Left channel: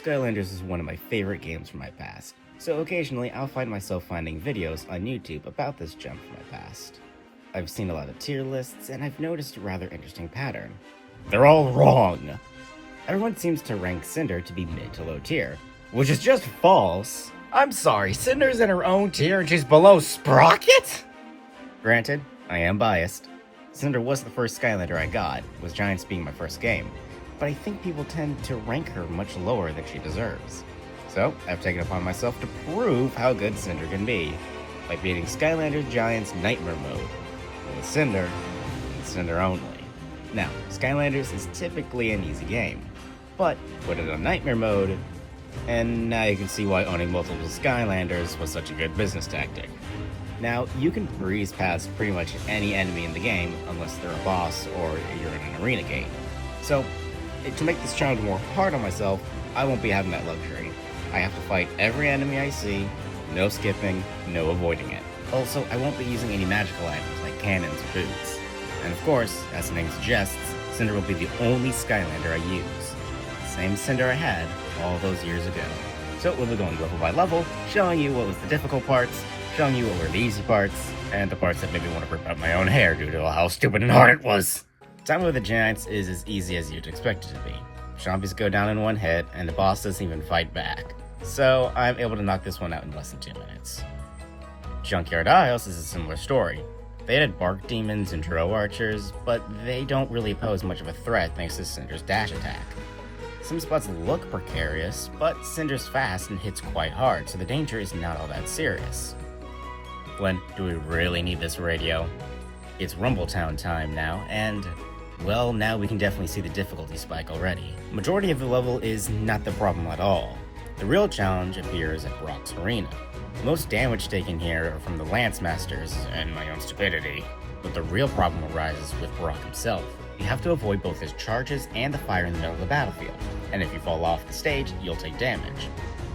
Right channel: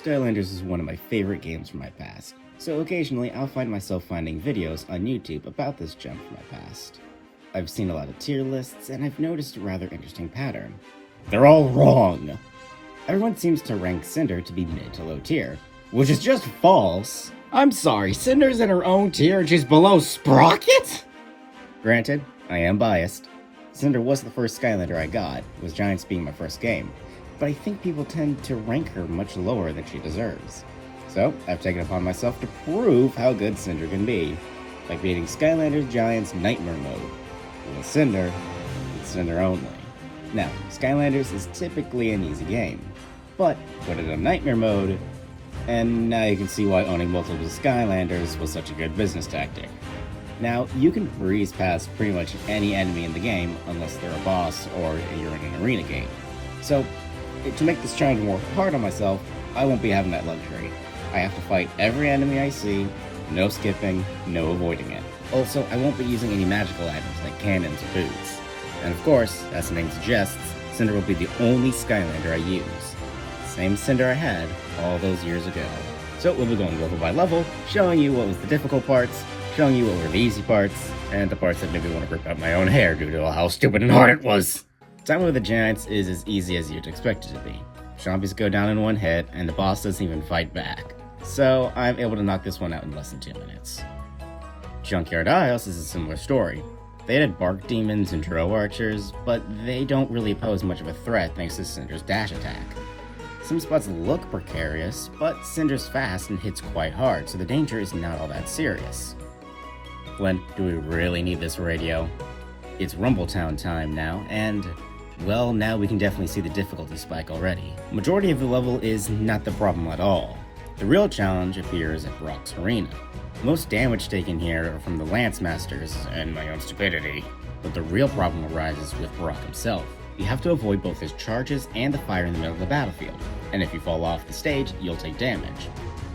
Skylanders is one of my favorite games from my past, so occasionally I'll find myself finding videos on YouTube about this gem from my past. I've seen a lot of tier lists, and I've noticed a rather interesting pattern. They're all wrong! Everyone seems to rank Cynder to be mid to low tier, which is just false. I'm sorry, Cynder's in her own tier and she's below Sprocket? Granted, I am biased. Cynder was the first Skylander I got, with Giants being my first game, but I think people tend to rank her much lower than she deserves. So, I've taken it upon myself to prove how good Cynder can be, by beating Skylanders Giants Nightmare Mode, with Cynder, and Cynder only. Now, Skylanders is typically an easy game, but put it on Nightmare Mode, and now you can see why owning multiple Skylanders was such a good business tactic. Now, you can breeze past pretty much any enemy in the game, unless they're a boss or you're in an arena game. So, to make this challenge more hard on myself, I won't be having that luxury. I have to fight every enemy I see, no skipping, no avoiding it. Also, I won't be using any magical items like cannons or boots. And of course, as the name suggests, Cynder will be the only Skylander I use. The same Cynder I had all those years ago. So we'll be going level by level, showing you what was the difficult parts, showing you what were the easy parts, and the parts that made me want to rip out my own hair due to how stupid and hard it was. Time with the Giants is as easy as you'd expect it to be. Zombies go down in one hit, and the boss doesn't even fight back. So I'm able to knock this one out in less than 2 minutes. Junkyard Isles is a similar story. They added bark demons and drow archers, but they don't really pose much of a threat thanks to Cynder's dash attack. Some spots look precarious, but Cynder's fast and hits quite hard, so the danger is not all that serious. Glenn, do we really need this radio? It's Rumbletown time now, and well, now we can definitely see the difficulty spike already. Majority of the level is not the problem at all. The real challenge appears at Brock's Arena. Most damage taken here are from the Lance Masters and my own stupidity, but the real problem arises with Brock himself. You have to avoid both his charges and the fire in the middle of the battlefield, and if you fall off the stage, you'll take damage.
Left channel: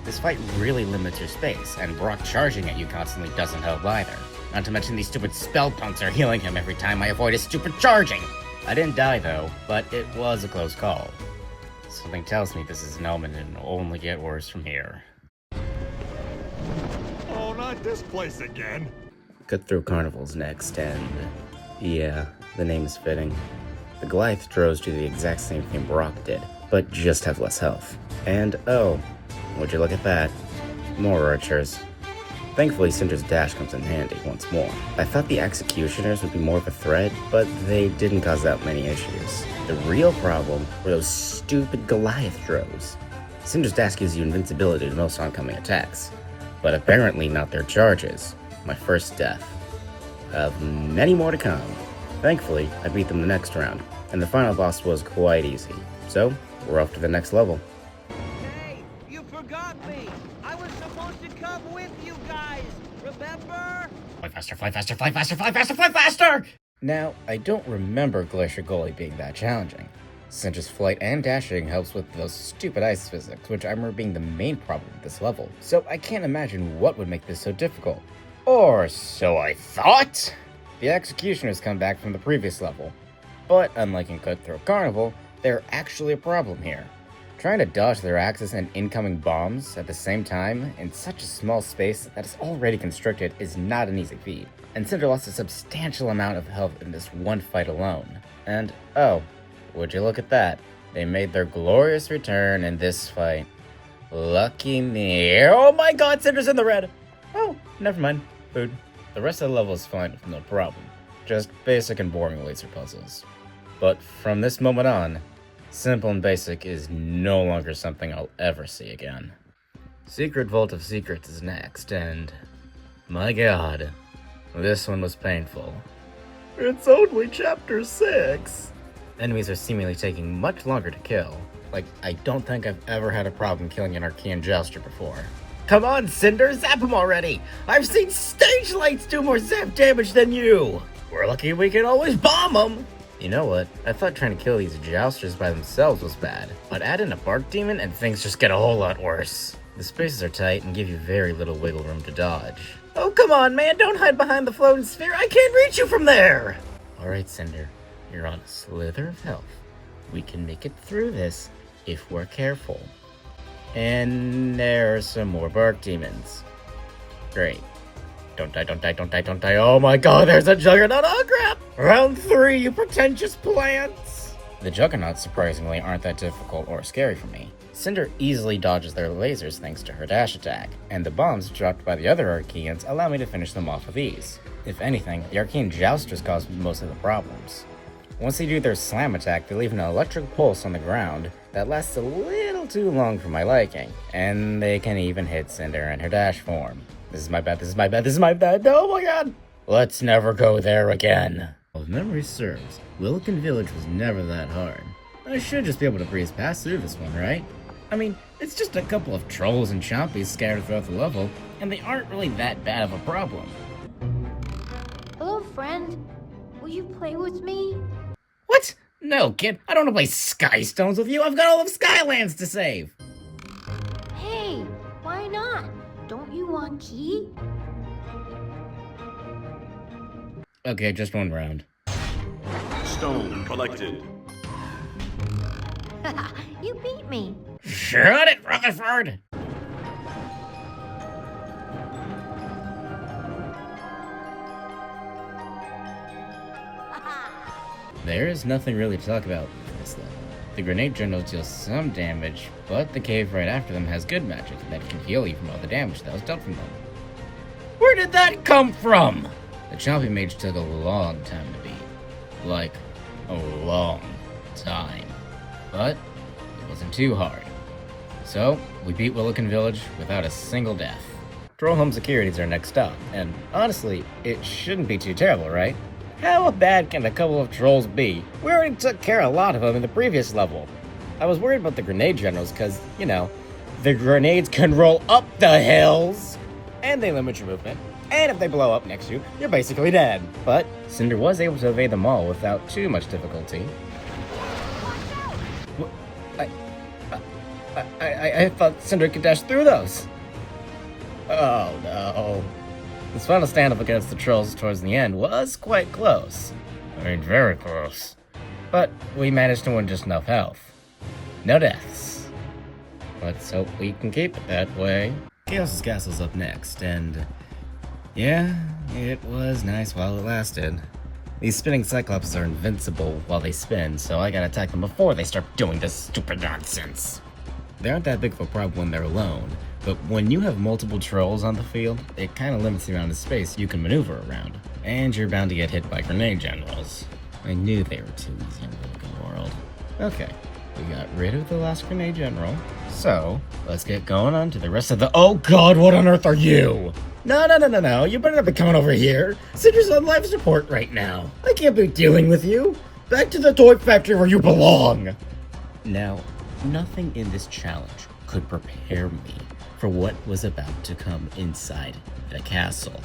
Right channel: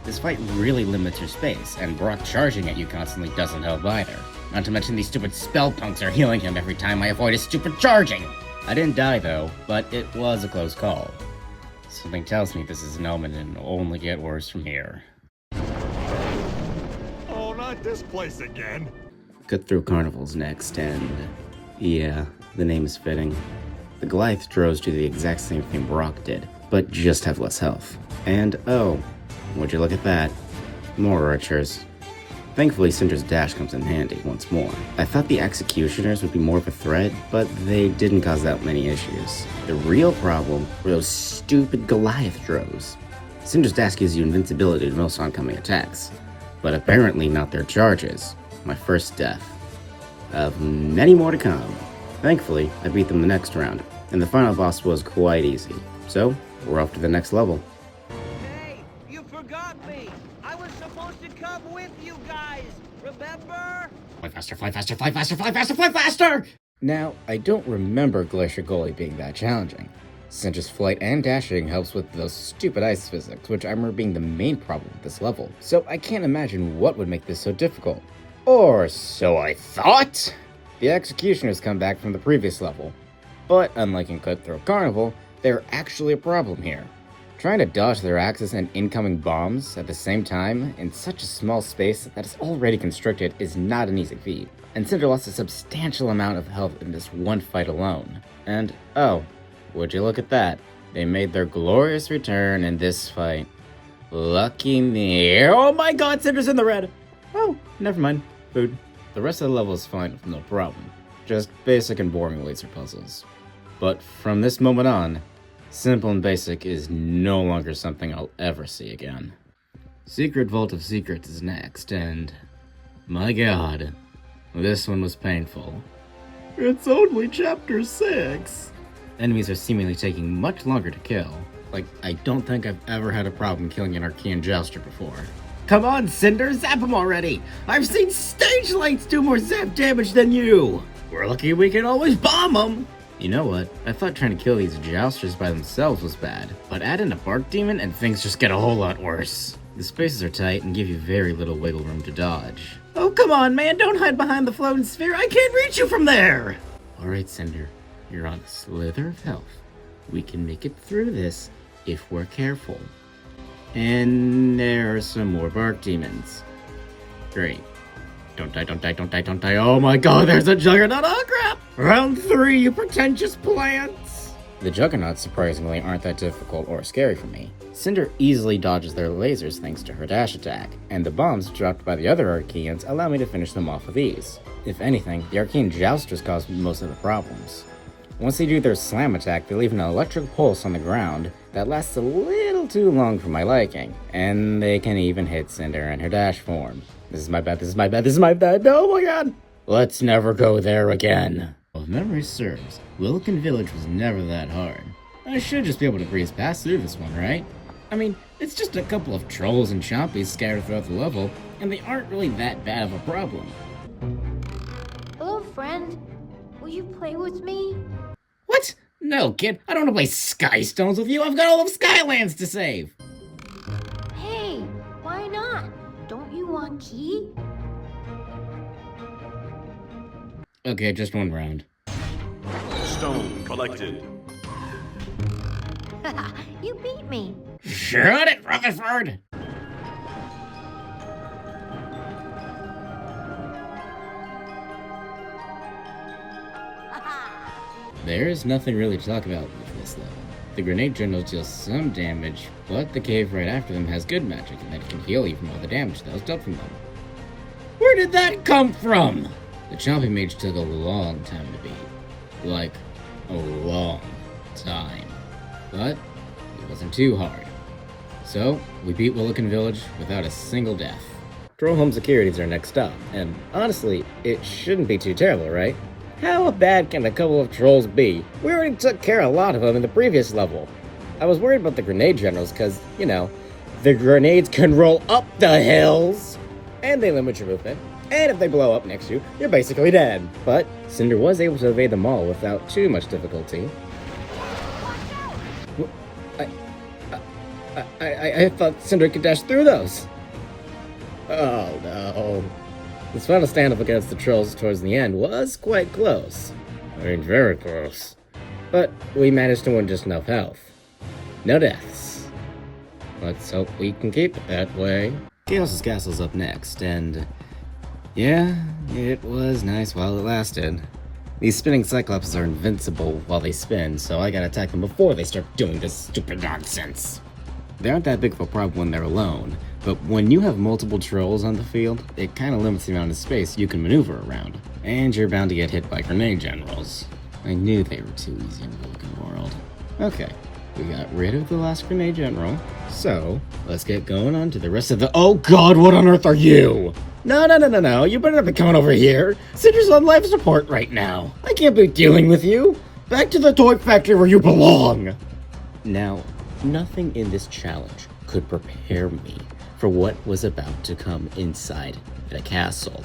This fight really limits your space, and Brock charging at you constantly doesn't help either. Not to mention these stupid spell punks are healing him every time I avoid his stupid charging! I didn't die though, but it was a close call. Something tells me this is an omen and it'll only get worse from here. Oh, not this place again! Cut-Through Carnival's next, and yeah, the name is fitting. The Goliath Drows do the exact same thing Brock did, but just have less health. And oh, would you look at that? More archers. Thankfully, Cynder's dash comes in handy once more. I thought the Executioners would be more of a threat, but they didn't cause that many issues. The real problem were those stupid Goliath Drows. Cynder's dash gives you invincibility to most oncoming attacks, but apparently not their charges. My first death. Of many more to come. Thankfully, I beat them the next round, and the final boss was quite easy. So, we're off to the next level. Hey, you forgot me! I was supposed to come with you guys, remember? Fly faster, fly faster, fly faster, fly faster, fly faster! Now, I don't remember Glacier Gully being that challenging. Cynder's flight and dashing helps with those stupid ice physics, which I remember being the main problem with this level. So I can't imagine what would make this so difficult. Or so I thought! The Executioners come back from the previous level, but unlike in Cut-Through Carnival, they're actually a problem here. Trying to dodge their axes and incoming bombs at the same time in such a small space that is already constricted is not an easy feat, and Cynder lost a substantial amount of health in this one fight alone. And oh, would you look at that, they made their glorious return in this fight. Lucky me. Oh my god, Cynder's in the red! Oh, never mind. Food. The rest of the level is fine with no problem. Just basic and boring laser puzzles. But from this moment on, simple and basic is no longer something I'll ever see again. Secret Vault of Secrets is next, and my god, this one was painful. It's only chapter 6. Enemies are seemingly taking much longer to kill. Like, I don't think I've ever had a problem killing an Archean Jouster before. Come on, Cynder, zap him already! I've seen stage lights do more zap damage than you! We're lucky we can always bomb them! You know what? I thought trying to kill these Jousters by themselves was bad, but add in a Bark Demon and things just get a whole lot worse. The spaces are tight and give you very little wiggle room to dodge. Oh, come on, man, don't hide behind the floating sphere, I can't reach you from there! Alright, Cynder, you're on a slither of health. We can make it through this if we're careful. And there are some more bark demons. Great. Don't die, don't die, don't die, don't die. Oh my god, there's a juggernaut! Oh crap! Round 3, you pretentious plants! The juggernauts, surprisingly, aren't that difficult or scary for me. Cynder easily dodges their lasers thanks to her dash attack, and the bombs dropped by the other Archaeans allow me to finish them off with ease. If anything, the Archaean Jousters cause most of the problems. Once they do their slam attack, they leave an electric pulse on the ground that lasts a little too long for my liking, and they can even hit Cynder in her dash form. This is my bad, this is my bad, this is my bad, oh my god! Let's never go there again. Well, if memory serves, Wilkin Village was never that hard. I should just be able to breeze past through this one, right? I mean, it's just a couple of trolls and chompies scattered throughout the level, and they aren't really that bad of a problem. Hello, friend. Will you play with me? What? No, kid, I don't want to play Skystones with you. I've got all of Skylands to save. Hey, why not? Don't you want Key? Okay, just one round. Stone collected. You beat me. Shut it, Rutherford! There's nothing really to talk about with this level. The grenade generals deal some damage, but the cave right after them has good magic that can heal you from all the damage that was dealt from them. Where did that come from? The Chompy Mage took a long time to beat. Like, a long time. But it wasn't too hard. So, we beat Willikin Village without a single death. Troll Home Securities are next up, and honestly, it shouldn't be too terrible, right? How bad can a couple of trolls be? We already took care of a lot of them in the previous level. I was worried about the grenade generals because, you know, the grenades can roll up the hills, and they limit your movement, and if they blow up next to you, you're basically dead. But Cynder was able to evade them all without too much difficulty. I thought Cynder could dash through those. Oh no. This final stand-up against the trolls towards the end was quite close. I mean, very close. But we managed to win just enough health. No deaths. Let's hope we can keep it that way. Chaos's Castle's up next, and yeah, it was nice while it lasted. These spinning Cyclops are invincible while they spin, so I gotta attack them before they start doing this stupid nonsense. They aren't that big of a problem when they're alone, but when you have multiple trolls on the field, it kinda limits the amount of space you can maneuver around. And you're bound to get hit by grenade generals. I knew they were too easy in the Willikin world. Okay, we got rid of the last grenade general, so let's get going on to the rest of the— Oh god, what on earth are you? No, you better not be coming over here. Cynder's on life support right now. I can't be dealing with you. Back to the toy factory where you belong. Now, nothing in this challenge could prepare me for what was about to come inside the castle.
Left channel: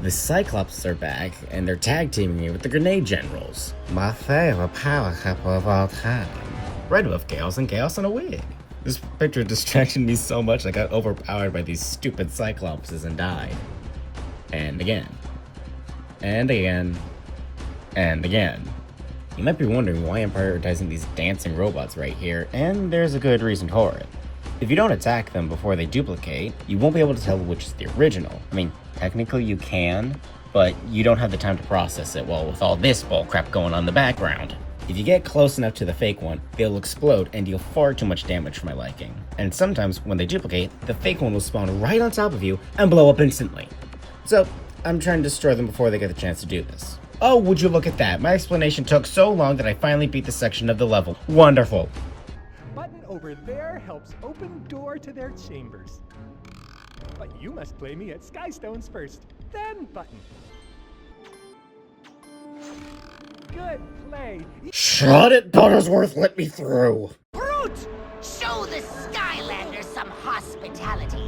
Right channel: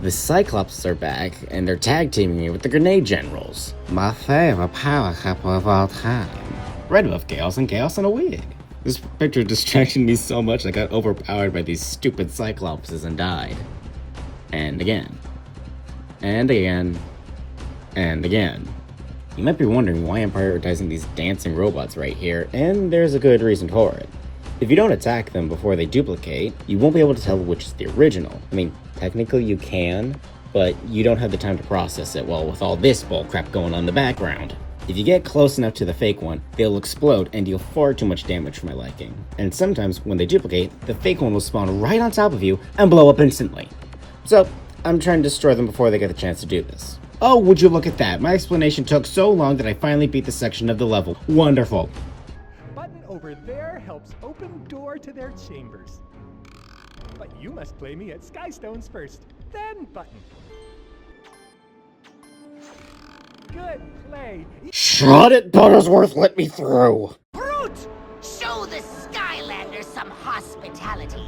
The Cyclops are back, and they're tag-teaming me with the Grenade Generals. My favorite power couple of all time. Red Wolf Chaos and Chaos in a wig. This picture distracted me so much I got overpowered by these stupid Cyclopses and died. And again. And again. And again. You might be wondering why I'm prioritizing these dancing robots right here, and there's a good reason for it. If you don't attack them before they duplicate, you won't be able to tell which is the original. I mean, technically you can, but you don't have the time to process it well with all this bullcrap going on in the background. If you get close enough to the fake one, they'll explode and deal far too much damage for my liking. And sometimes, when they duplicate, the fake one will spawn right on top of you and blow up instantly. So, I'm trying to destroy them before they get the chance to do this. Oh, would you look at that? My explanation took so long that I finally beat the section of the level. Wonderful. Button over there helps open door to their chambers. But you must play me at Skystones first, then Button. Good play. Shut it, Buttersworth, let me through. Brute! Show the Skylanders some hospitality.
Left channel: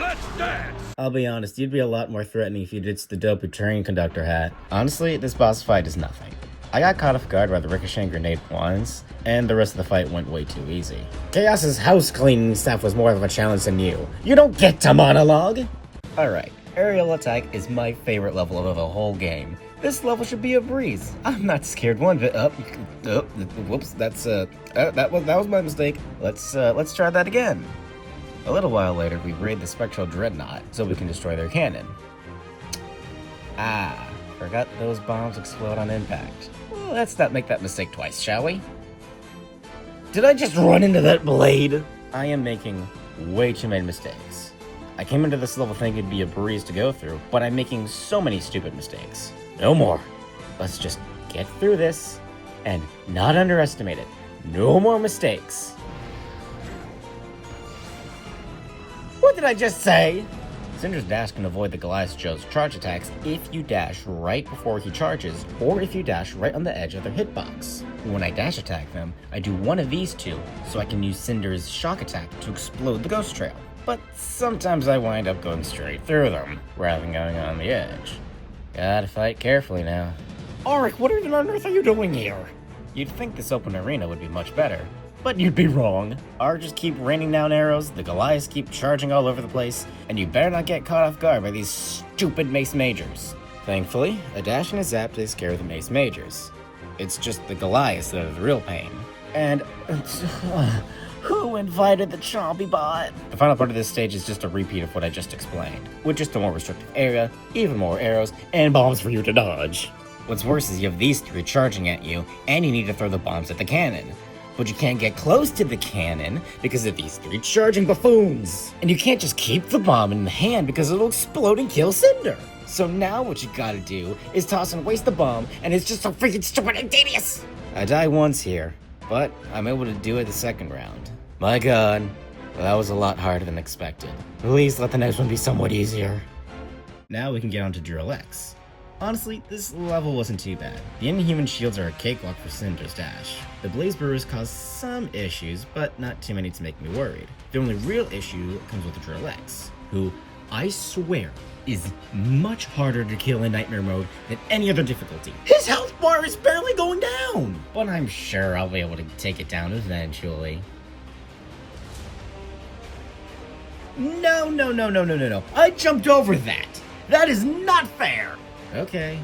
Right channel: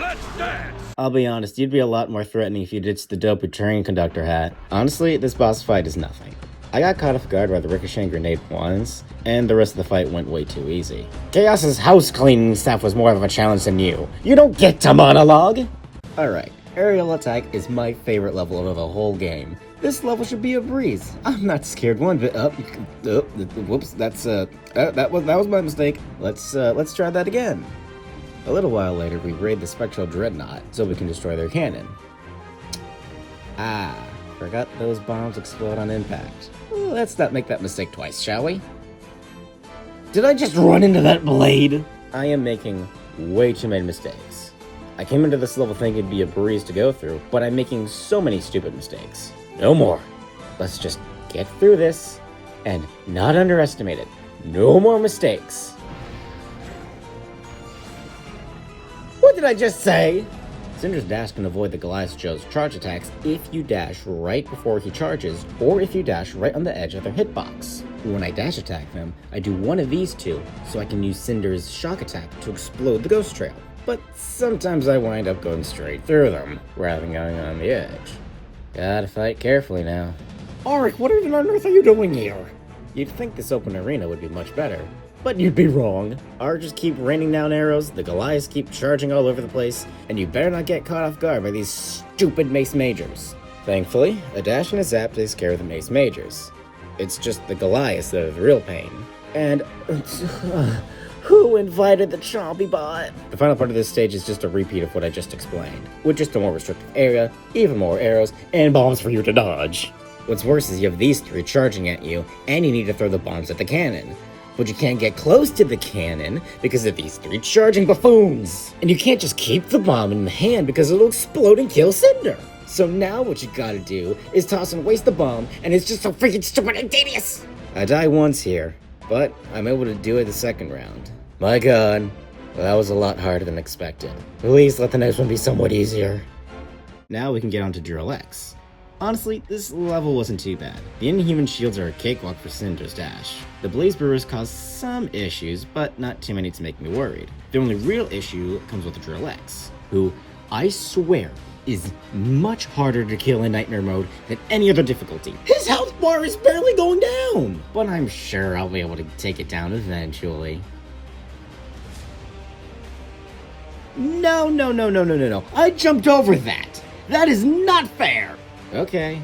Let's dance! I'll be honest, you'd be a lot more threatening if you ditched the dopey train conductor hat. Honestly, this boss fight is nothing. I got caught off guard by the ricocheting grenade once, and the rest of the fight went way too easy. Chaos's house cleaning staff was more of a challenge than you. You don't get to monologue! Alright, aerial attack is my favorite level of the whole game. This level should be a breeze. I'm not scared one bit. Whoops, that was my mistake. Let's try that again. A little while later, we raid the Spectral Dreadnought so we can destroy their cannon. Ah, forgot those bombs explode on impact. Well, let's not make that mistake twice, shall we? Did I just run into that blade? I am making way too many mistakes. I came into this level thinking it'd be a breeze to go through, but I'm making so many stupid mistakes. No more. Let's just get through this and not underestimate it. No more mistakes. What did I just say? Cynder's dash can avoid the Goliath Joe's charge attacks if you dash right before he charges, or if you dash right on the edge of their hitbox. When I dash attack them, I do one of these two, so I can use Cynder's shock attack to explode the ghost trail. But sometimes I wind up going straight through them, rather than going on the edge. Gotta fight carefully now. Auric, what even on earth are you doing here? You'd think this open arena would be much better, but you'd be wrong. Archers keep raining down arrows, the Goliaths keep charging all over the place, and you better not get caught off guard by these stupid Mace Majors. Thankfully, a dash and a zap takes care of the Mace Majors. It's just the Goliaths that are the real pain. And who invited the Chompy Bot? The final part of this stage is just a repeat of what I just explained, with just a more restricted area, even more arrows, and bombs for you to dodge. What's worse is you have these three charging at you, and you need to throw the bombs at the cannon. But you can't get close to the cannon because of these three charging buffoons. And you can't just keep the bomb in the hand because it'll explode and kill Cynder. So now what you gotta do is toss and waste the bomb, and it's just so freaking stupid and tedious. I die once here, but I'm able to do it the second round. My god, that was a lot harder than expected. Please let the next one be somewhat easier. Now we can get on to Drill X. Honestly, this level wasn't too bad. The Inhuman shields are a cakewalk for Cynder's dash. The Blaze Brewers caused some issues, but not too many to make me worried. The only real issue comes with the Drill X, who, I swear, is much harder to kill in Nightmare mode than any other difficulty. His health bar is barely going down! But I'm sure I'll be able to take it down eventually. No. I jumped over that! That is not fair! Okay.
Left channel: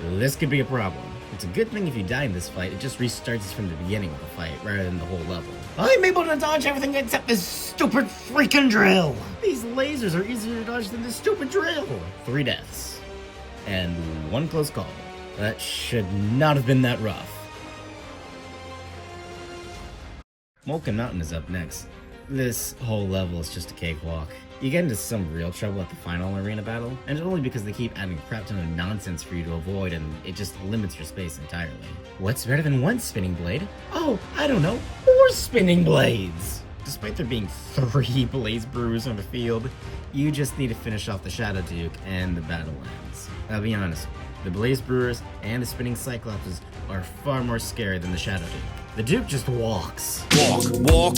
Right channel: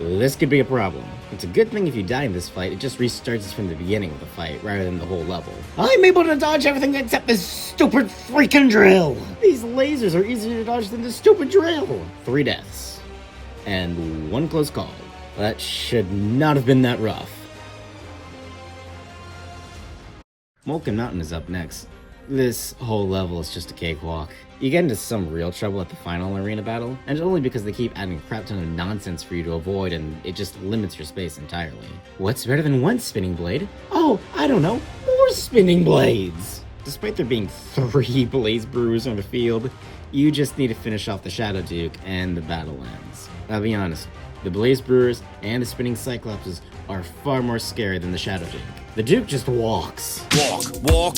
This could be a problem. It's a good thing if you die in this fight, it just restarts from the beginning of the fight, rather than the whole level. I'm able to dodge everything except this stupid freaking drill! These lasers are easier to dodge than this stupid drill! 3 deaths. And 1 close call. That should not have been that rough. Molten Mountain is up next. This whole level is just a cakewalk. You get into some real trouble at the final arena battle, and only because they keep adding a crap ton of nonsense for you to avoid, and it just limits your space entirely. What's better than 1 spinning blade? Oh, I don't know, 4 spinning blades! Despite there being 3 Blaze Brewers on the field, you just need to finish off the Shadow Duke, and the battle ends. I'll be honest, the Blaze Brewers and the Spinning Cyclopses are far more scary than the Shadow Duke. The Duke just walks. Walk.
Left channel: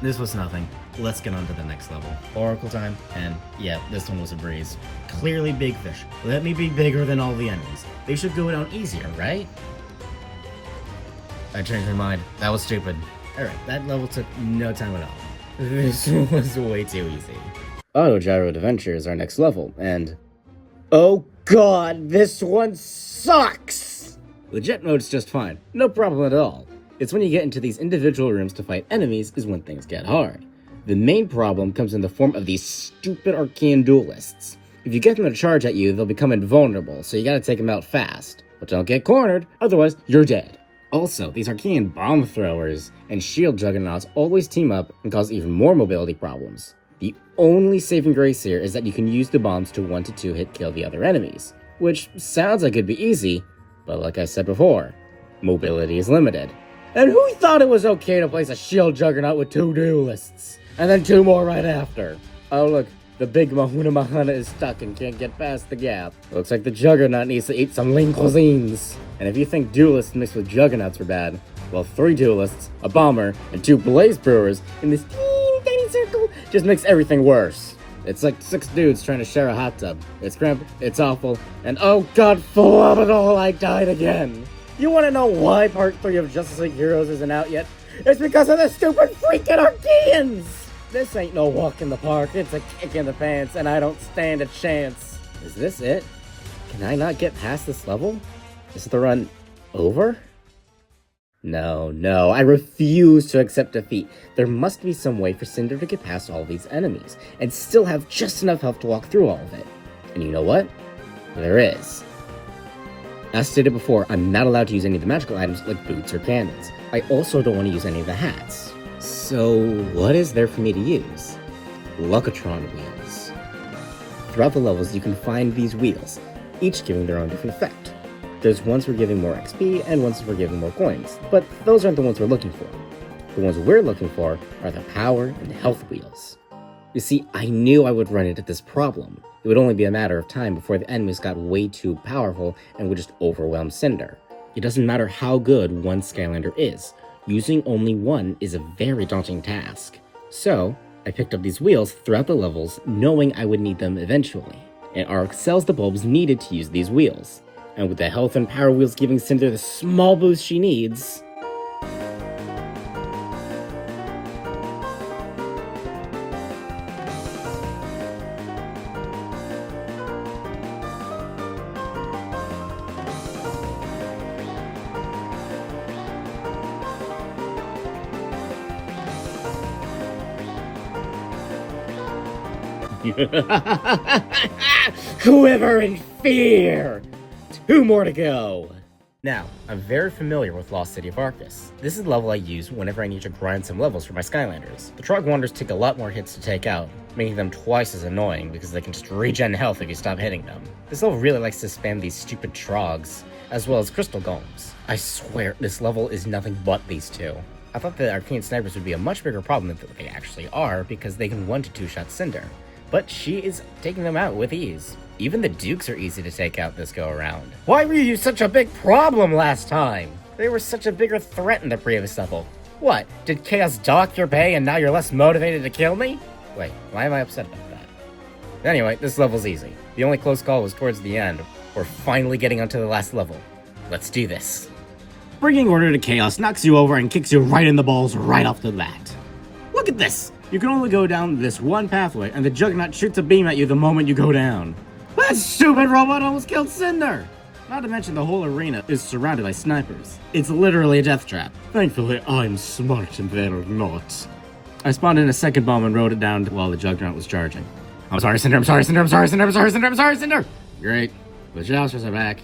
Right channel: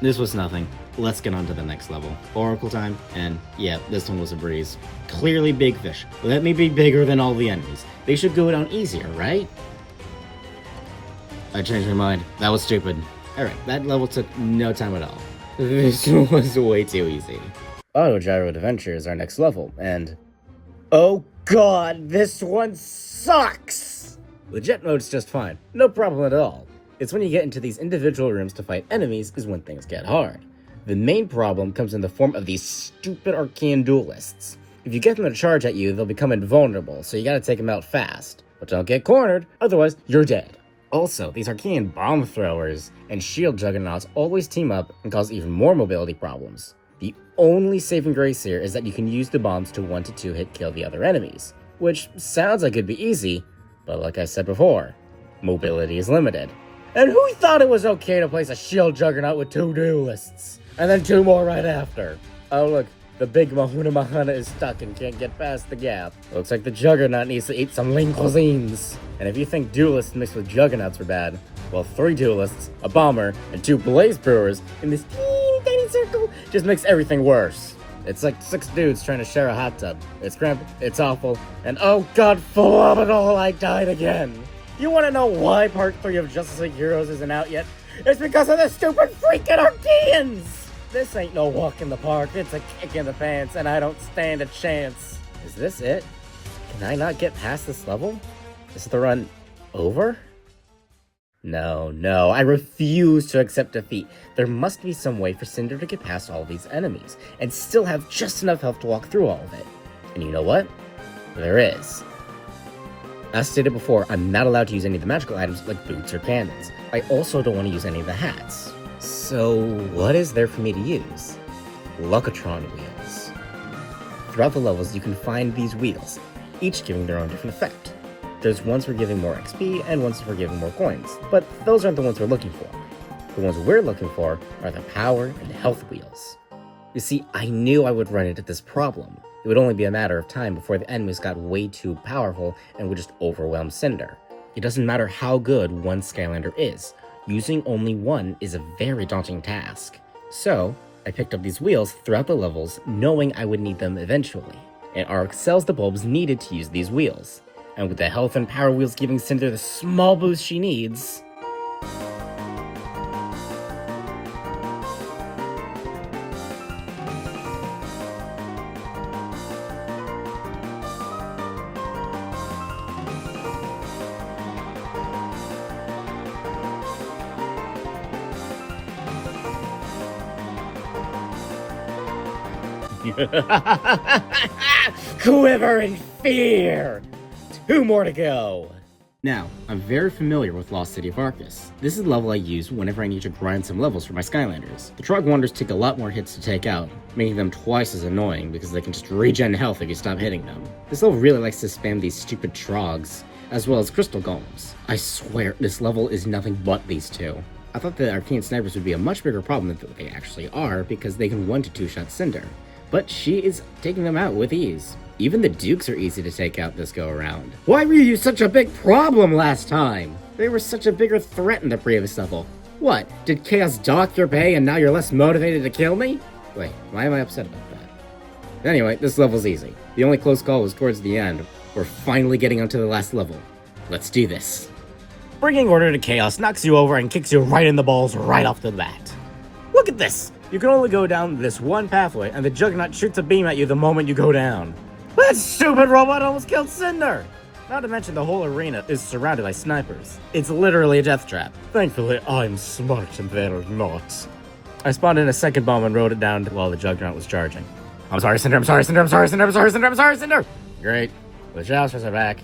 This was nothing. Let's get on to the next level. Oracle time, and yeah, this one was a breeze. Clearly big fish. Let me be bigger than all the enemies. They should go down easier, right? I changed my mind. That was stupid. Alright, that level took no time at all. This was way too easy. Auto Gyro Adventure is our next level, and... oh god, this one sucks! The jet mode's just fine. No problem at all. It's when you get into these individual rooms to fight enemies is when things get hard. The main problem comes in the form of these stupid Archean duelists. If you get them to charge at you, they'll become invulnerable, so you gotta take them out fast. But don't get cornered, otherwise you're dead. Also, these Archean bomb throwers and shield juggernauts always team up and cause even more mobility problems. The only saving grace here is that you can use the bombs to 1 to 2 hit kill the other enemies, which sounds like it'd be easy, but like I said before, mobility is limited. And who thought it was okay to place a shield juggernaut with 2 duelists? And then 2 more right after. Oh look, the big Mahuna Mahana is stuck and can't get past the gap. Looks like the Juggernaut needs to eat some lean cuisines. And if you think duelists mixed with Juggernauts are bad, well 3 duelists, a bomber, and 2 Blaze Brewers in this teeny tiny circle just makes everything worse. It's like 6 dudes trying to share a hot tub. It's cramped, it's awful, and oh god, phenomenal, I died again. You wanna know why part 3 of Justice League Heroes isn't out yet? It's because of the stupid freaking Archeans! This ain't no walk in the park, it's a kick in the pants, and I don't stand a chance. Is this it? Can I not get past this level? Is the run over? No, I refuse to accept defeat. There must be some way for Cynder to get past all these enemies, and still have just enough health to walk through all of it. And you know what? There is. As stated before, I'm not allowed to use any of the magical items like boots or cannons. I also don't want to use any of the hats. So what is there for me to use? Luckatron wheels. Throughout the levels, you can find these wheels, each giving their own different effect. There's ones for giving more XP and ones for giving more coins, but those aren't the ones we're looking for. The ones we're looking for are the power and health wheels. You see, I knew I would run into this problem. It would only be a matter of time before the enemies got way too powerful and would just overwhelm Cynder. It doesn't matter how good one Skylander is, using only one is a very daunting task. So, I picked up these wheels throughout the levels, knowing I would need them eventually. And Ark sells the bulbs needed to use these wheels. And with the health and power wheels giving Cynder the small boost she needs... Quiver in fear! 2 more to go! Now, I'm very familiar with Lost City of Arcus. This is the level I use whenever I need to grind some levels for my Skylanders. The Trog Wanderers take a lot more hits to take out, making them twice as annoying because they can just regen health if you stop hitting them. This level really likes to spam these stupid Trogs, as well as Crystal Golems. I swear, this level is nothing but these two. I thought the Arcane Snipers would be a much bigger problem than they actually are because they can 1-2 shot Cynder. But she is taking them out with ease. Even the Dukes are easy to take out this go around. Why were you such a big problem last time? They were such a bigger threat in the previous level. What, did Chaos dock your pay and now you're less motivated to kill me? Wait, why am I upset about that? Anyway, this level's easy. The only close call was towards the end. We're finally getting onto the last level. Let's do this. Bringing order to Chaos knocks you over and kicks you right in the balls right off the bat. Look at this! You can only go down this one pathway, and the Juggernaut shoots a beam at you the moment you go down. That stupid robot almost killed Cynder! Not to mention the whole arena is surrounded by snipers. It's literally a death trap. Thankfully, I'm smart and they're not. I spawned in a second bomb and rode it down while the Juggernaut was charging. I'm sorry, Cynder, I'm sorry, Cynder, I'm sorry, Cynder, I'm sorry, Cynder, I'm sorry, Cynder! Great. The Jousters are back.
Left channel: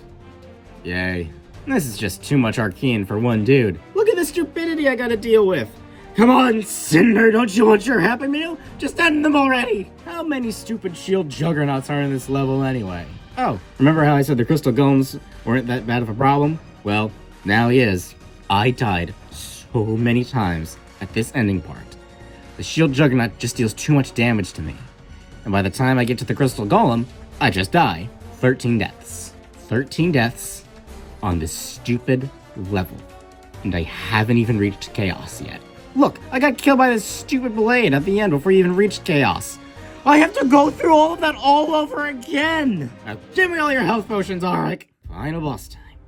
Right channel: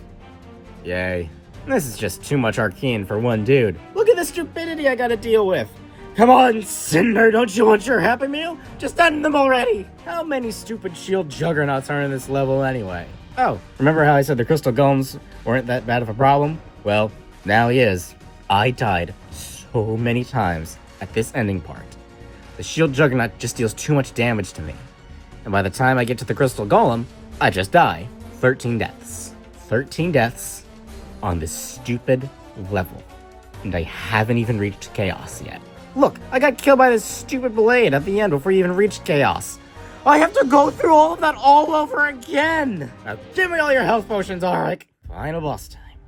Yay. This is just too much Arcane for one dude. Look at the stupidity I gotta deal with. Come on, Cynder, don't you want your Happy Meal? Just end them already! How many stupid shield juggernauts are in this level anyway? Oh, remember how I said the crystal golems weren't that bad of a problem? Well, now he is. I died so many times at this ending part. The shield juggernaut just deals too much damage to me. And by the time I get to the crystal golem, I just die. 13 deaths. 13 deaths on this stupid level. And I haven't even reached Chaos yet. Look, I got killed by this stupid blade at the end before you even reached Chaos. I have to go through all of that all over again! Now give me all your health potions, Arik! Final boss time.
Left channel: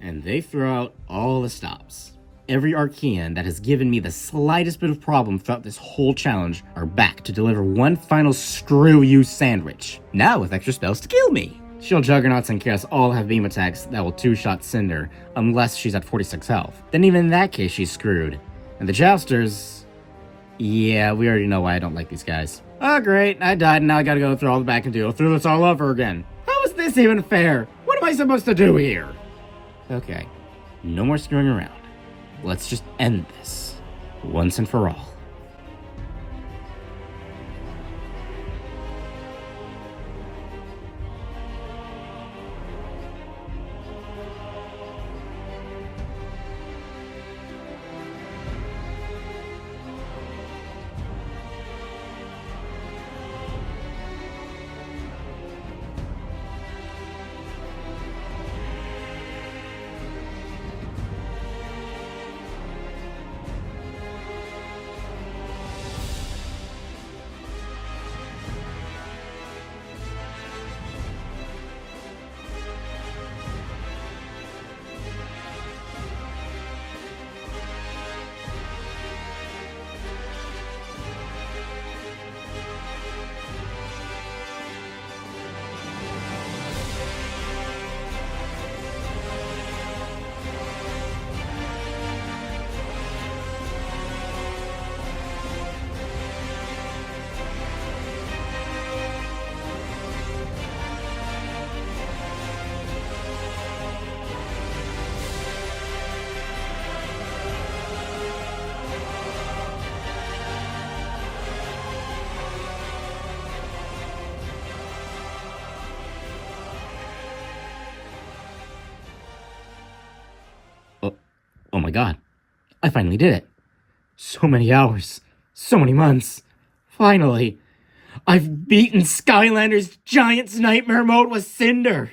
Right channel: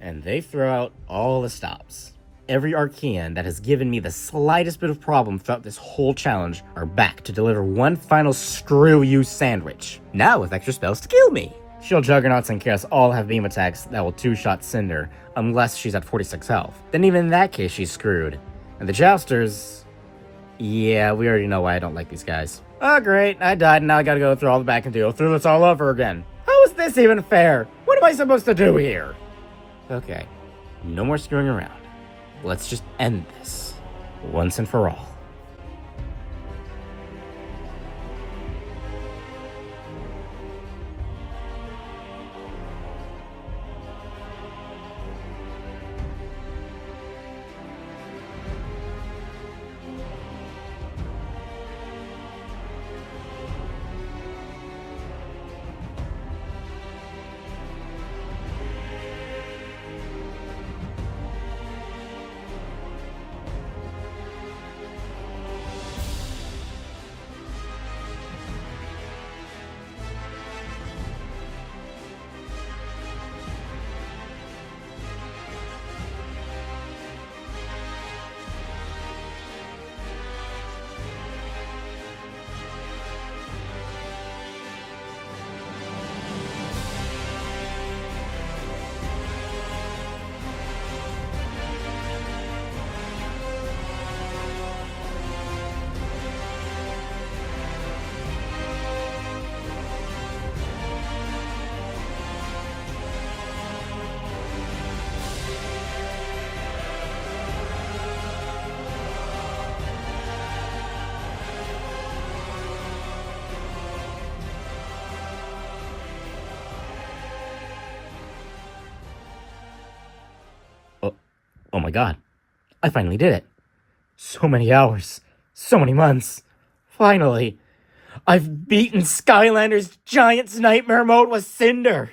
And they throw out all the stops. Every Archean that has given me the slightest bit of problem throughout this whole challenge are back to deliver one final screw you sandwich. Now with extra spells to kill me. Shield Juggernauts and Chaos all have beam attacks that will 2-shot Cynder, unless she's at 46 health. Then even in that case, she's screwed. And the Jousters... yeah, we already know why I don't like these guys. Oh great, I died and now I gotta go through all the back and deal through this all over again. How is this even fair? What am I supposed to do here? Okay, no more screwing around. Let's just end this, once and for all. my god, I finally did it. So many hours, so many months. Finally, I've beaten Skylanders' Giant's Nightmare mode with Cynder.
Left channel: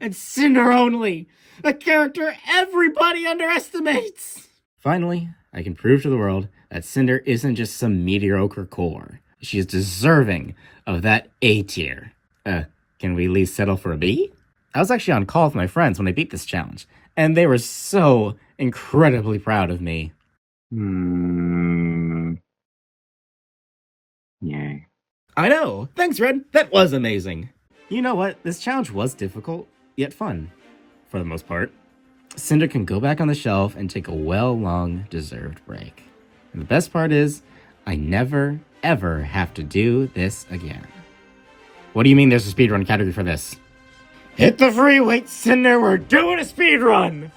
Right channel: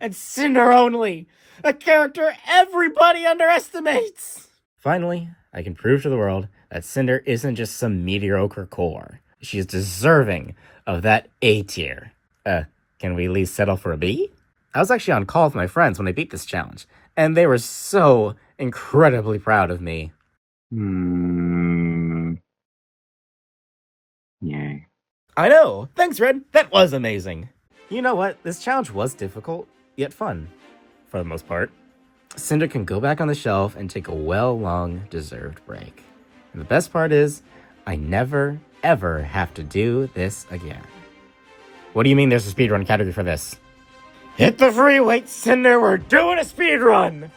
And Cynder only, a character everybody underestimates. Finally, I can prove to the world that Cynder isn't just some mediocre core. She is deserving of that A tier. Can we at least settle for a B? I was actually on call with my friends when I beat this challenge, and they were so incredibly proud of me. Yay. I know! Thanks, Red! That was amazing! You know what? This challenge was difficult, yet fun. For the most part. Cynder can go back on the shelf and take a well-long-deserved break. And the best part is, I never, ever have to do this again. What do you mean there's a speedrun category for this? Hit the free weight, Cynder! We're doing a speedrun!